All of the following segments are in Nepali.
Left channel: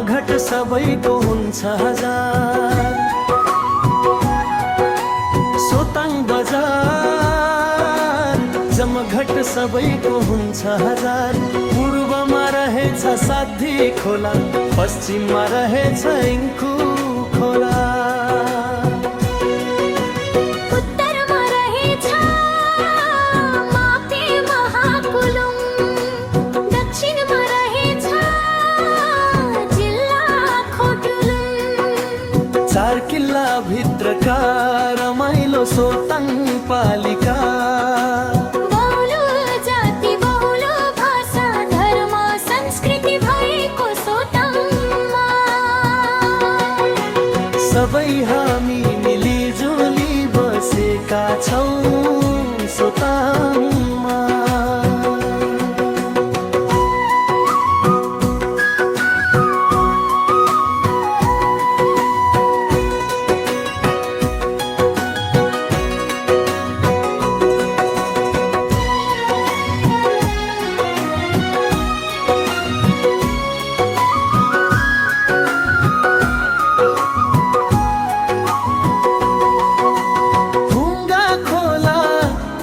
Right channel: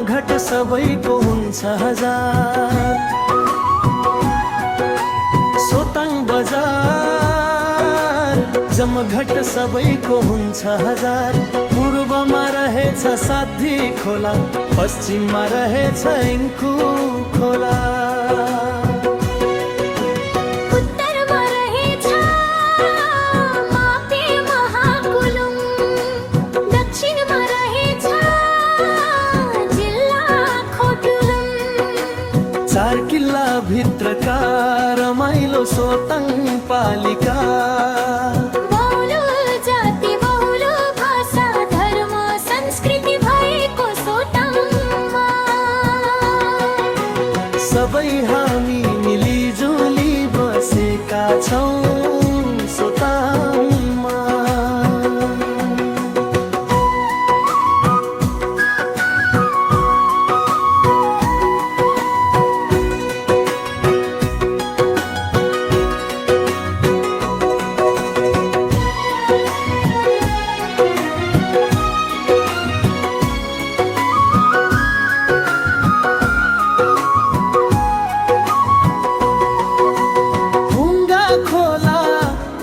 जमघट सबैको हुन्छ हजार। सोताङ बजार जमघट सबैको हुन्छ हजार। पूर्वमा रहेछ साध्वी खोला, पश्चिममा रहेछ इङ्कु खोला। उत्तरमा रहेछ मापे महाकुलुङ, दक्षिणमा रहेछ जिल्ला खोटुलुङ। 4 किल्ला भित्रका रमाइलो सोताङ पालिका। बहुलो जाति बहुलो भाषा धर्म संस्कृति भएको सोताङमा। सबै हामी मिलिजुली बसेका छौँ सोताङमा।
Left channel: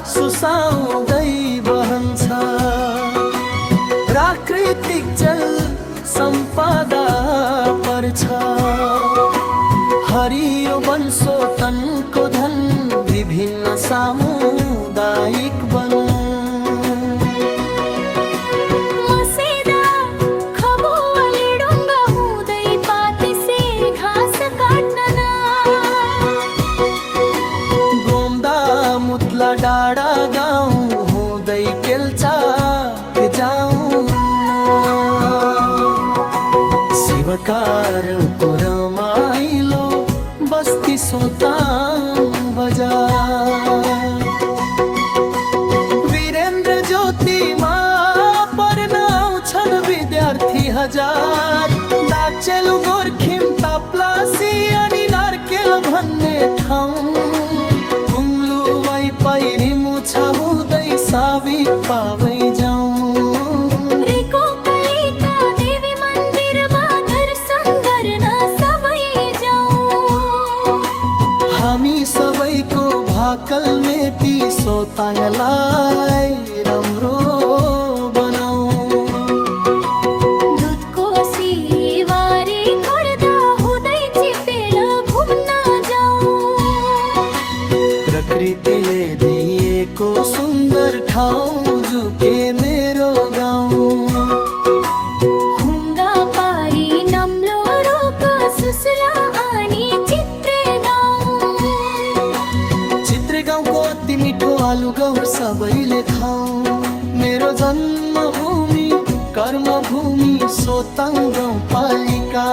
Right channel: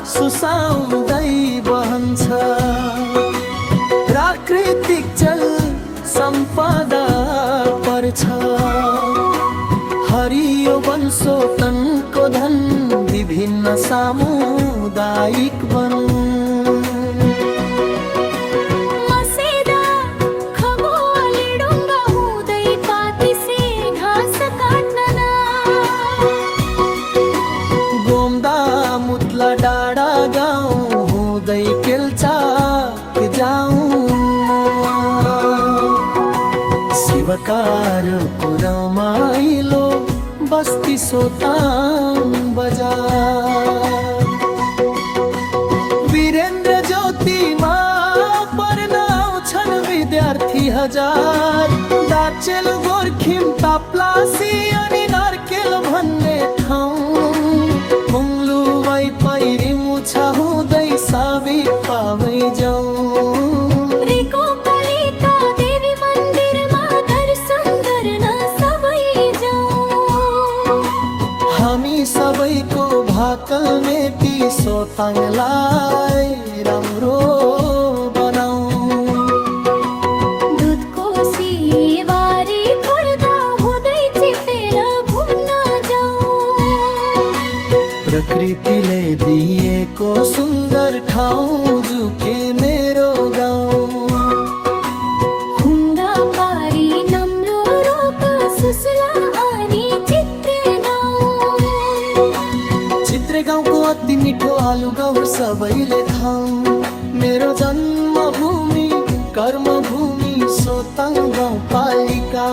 सुसाउँदै बहन्छ, प्राकृतिक जल सम्पदा पर्छ। हरियो वन सोतनको धन, विभिन्न सामुदायिक वन। मसेदा खबुवाली डुङ्गा हुँदै पातिसे घाँस काट्न न। गोम्दा मुतला डाँडा गाउँ हुँदै केल्चाक जाउँ न। शिवकारको रमाइलो बस्ती सोताङ बजार। वीरेन्द्र ज्योतिमा पढ्न आउँछन् विद्यार्थी हजार। दाचेलु गोर्खिम ताप्लासी अनि नार्केल भन्ने ठाउँ। कुम्लु पैरी मुछा हुँदै साबिक पावै जाउँ। रेको कालिका देवी मन्दिरमा दर्शन गर्न सबै जाउँ। हामी सबैको भाकल मेटी सोताङलाई राम्रो बनाऊ। दुधको सिवारी खोर्दा हुँदै चिपेर घुम्न जाउँ। प्रकृतिले दिएको सुन्दर ठाउँ जुके मेरो गाउँ। हुङ्गा पारी नम्लो रोक सुसला अनि चित्रे गाउँ। चित्रे गाउँको अति मिठो आलु गहुँ सबैले खाउँ। मेरो जन्मभूमि कर्मभूमि सोताङ गाउँपालिका।